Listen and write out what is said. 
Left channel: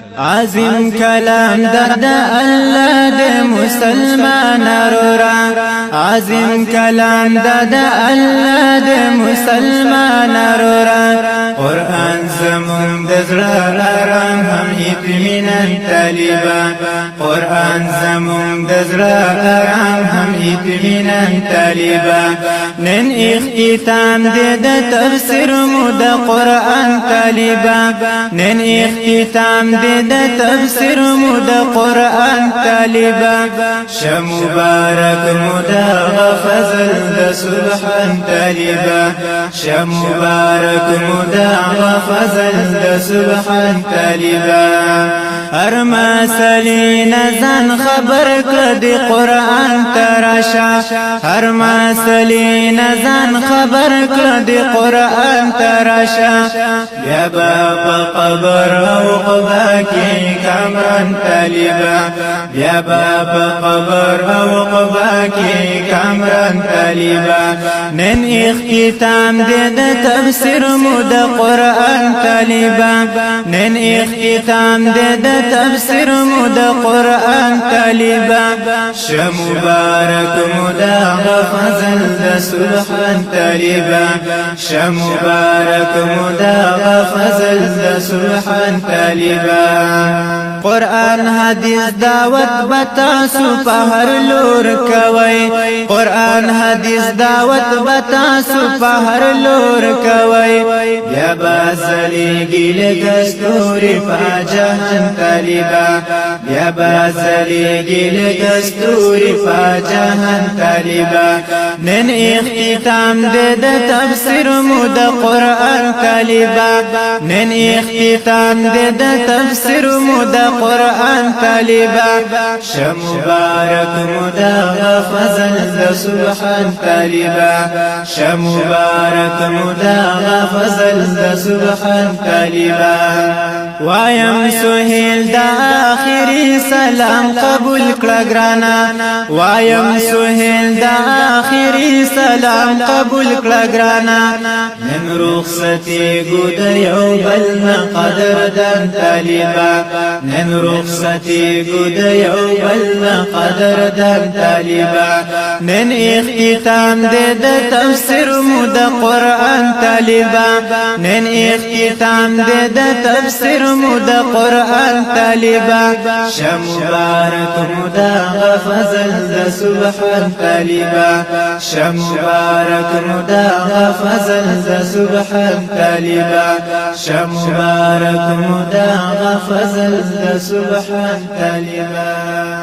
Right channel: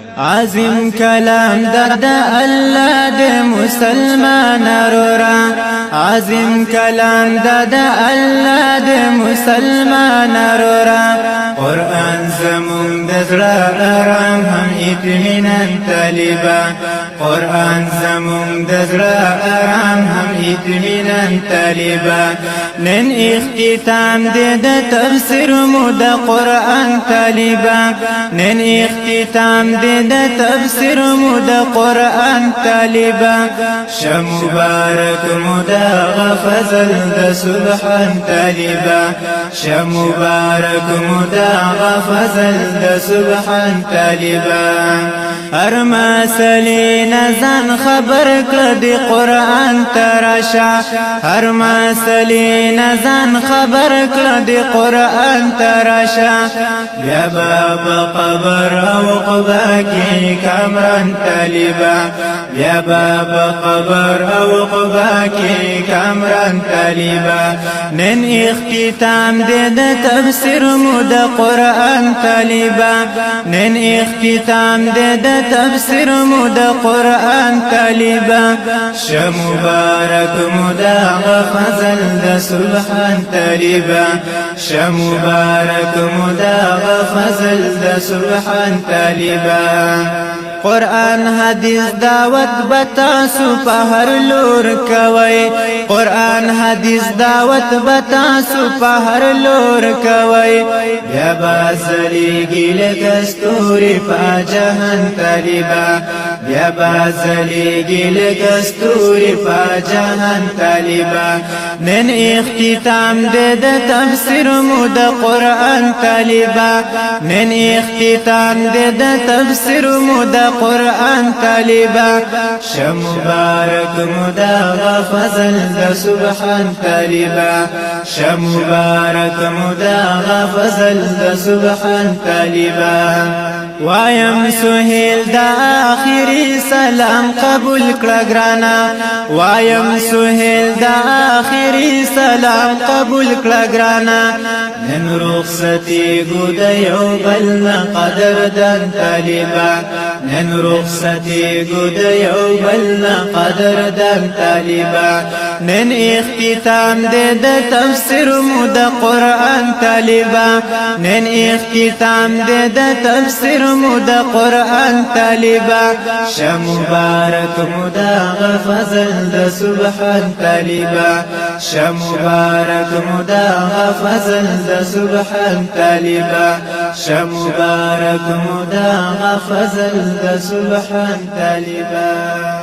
عظیم کلام درد الله د مسلمان رورا عظیم کلام درد الله د مسلمان رورا قرآن زمون د زړه آرام هم اطمینان طالبا قرآن زمون د زړه آرام هم اطمینان طالبا نن اختتام د تفسیر مو د قرآن طالبا نن اختتام د تفسیر مو د قرآن طالبا شمبارک مو د فضل د سبحان طالبا شمبارک مو د فضل د سبحان طالبا هر مسلې نزان خبر کړه د قرآن تراشا هر مسلې نزان خبر کړه د قرآن تراشا بیا په قبر او قبا کې کامران طالبا بیا په قبر او قبا کې کامران طالبا نن اختتام د تفسیر مو د قرآن طالبا نن اختتام د تفسیر مو د قرآن طالبا شمبارک مو د فضل د سبحان طالبا شمبارک مو د فضل د سبحان طالبا قرآن حدیث دعوت بتاسو په هر لور کوي قرآن حدیث دعوت بتاسو په هر لور کوي بیا بازلیږي لکه ستوري په جهان طالبا بیا بازلیږي لکه ستوري په جهان طالبا نن اختتام د تفسیر مو د قرآن طالبا نن اختتام د تفسیر مو د قرآن طالبا شمبارک مو د فضل د سبحان طالبا شمبارک مو د فضل د سبحان طالبا وایم سهیل د آخری سلام قبول کړه ګرانا وایم سهیل د آخری سلام قبول کړه ګرانا نن رخصتی گود یو بل قدردان طالبا نن رخصتی گود یو بل قدردان طالبا نن اختتام د تفسیر مو د قرآن طالبا نن اختتام د تفسیر مو د قرآن طالبا شمبارک مو د فضل د سبحان طالبا شمبارک مو د فضل سبحان طالبا شمبارک مو د فضل د سبحان طالبا